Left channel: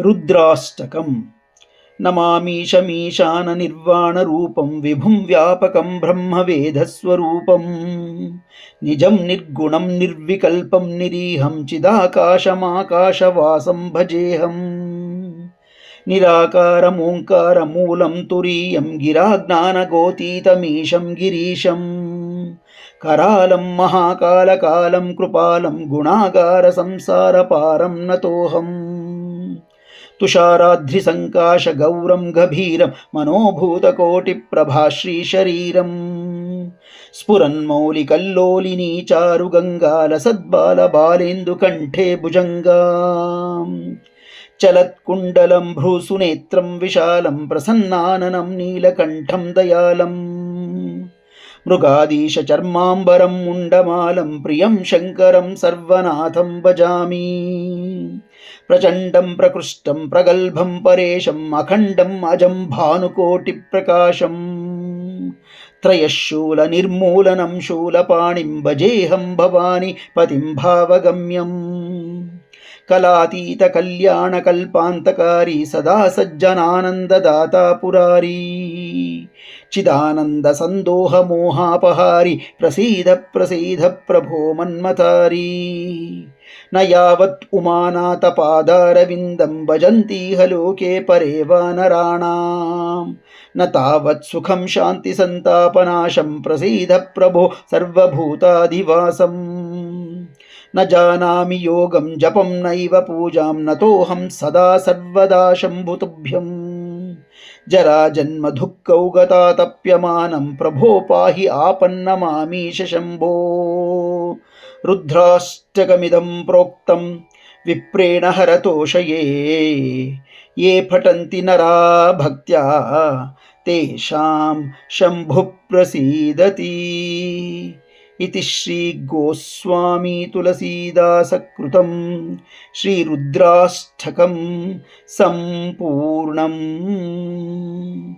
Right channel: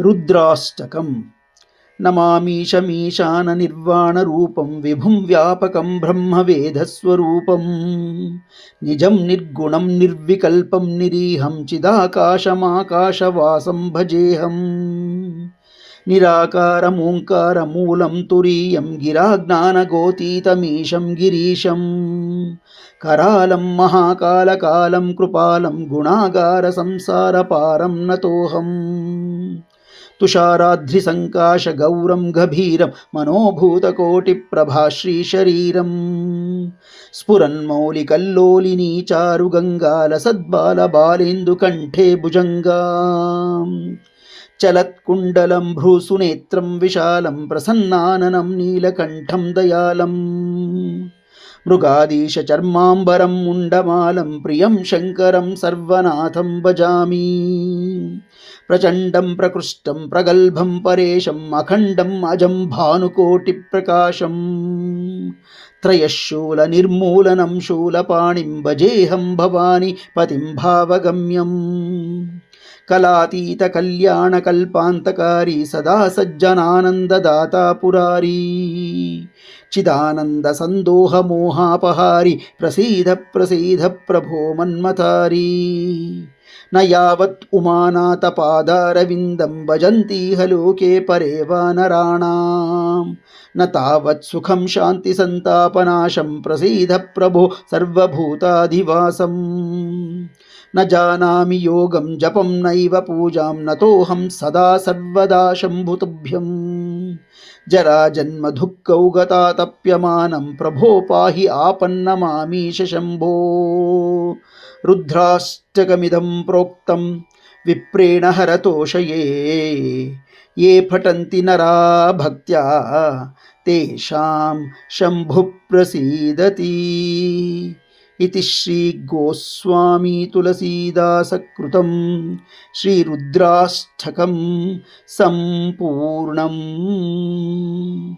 రుద్రాష్టకం. నమామీశమీశాననిర్వాణరూపం విభుం వ్యాపకం బ్రహ్మవేదస్వరూపం నిజం నిర్గుణం నిర్వికల్పం నిరీహం చిదాకాశమాకాశవాసం భజేహం. నిరాకారమోంకారమూలం తురీయం గిరాజ్ఞానగోతీతమీశం గిరీశం. करालं महाकालकालं कृपालं गुणागार संसारपारं नतोऽहम्. तुषाराद्रिसङ्काशगौरं गभीरं मनोभूतकोटिप्रभाश्रीशरीरं स्फुरन्मौलिकल्लोलिनी चारुगङ्गालसद्बालबालेन्दुकण्ठे भुजङ्गां. चलत्कुण्डलं भ्रूसुनेत्रं विशालं प्रसन्नाननं नीलकण्ठं दयालम्. मृगाधीशचर्माम्बरं मुण्डमालं प्रियं शङ्करं सर्वनाथं भजामि. प्रचण्डं प्रकृष्टं प्रगल्भं परेशम् अखण्डम् अजं भानुकोटिप्रकाशम्. त्रयशूलनिर्मूलनं शूलपाणिं भजेऽहं भवानी पतिं भावगम्यम्. कलातीतकल्याणकल्पान्तकारी सदा सज्जनानन्ददाता पुरारी. चिदानन्दसन्दोहमोहापहारी प्रसीद प्रसीद प्रभो मन्मतारी. न यावत् उमानाथपादारविन्दं भजन्तीह लोके परे वानराणां न तावत् सुखं शान्तिसन्तापनाशं प्रसीद प्रभो सर्वभूताधिवासम्. न जानामि योगं जपं नैव पूजां नतोऽहं सदा सर्वदा शम्भुतुभ्यं. जराजन्मदुःखौ गतातप्यमानं प्रभो पाहि आपन्नमामीश शम्भो. रुद्राष्टकमिदं प्रोक्तं विप्रेण हरतोषये ये पठन्ति नरा भक्त्या तेषां शम्भुः प्रसीदति. इति श्री गोस्वामी तुलसीदासकृतं श्रीरुद्राष्टकं सम्पूर्णम्.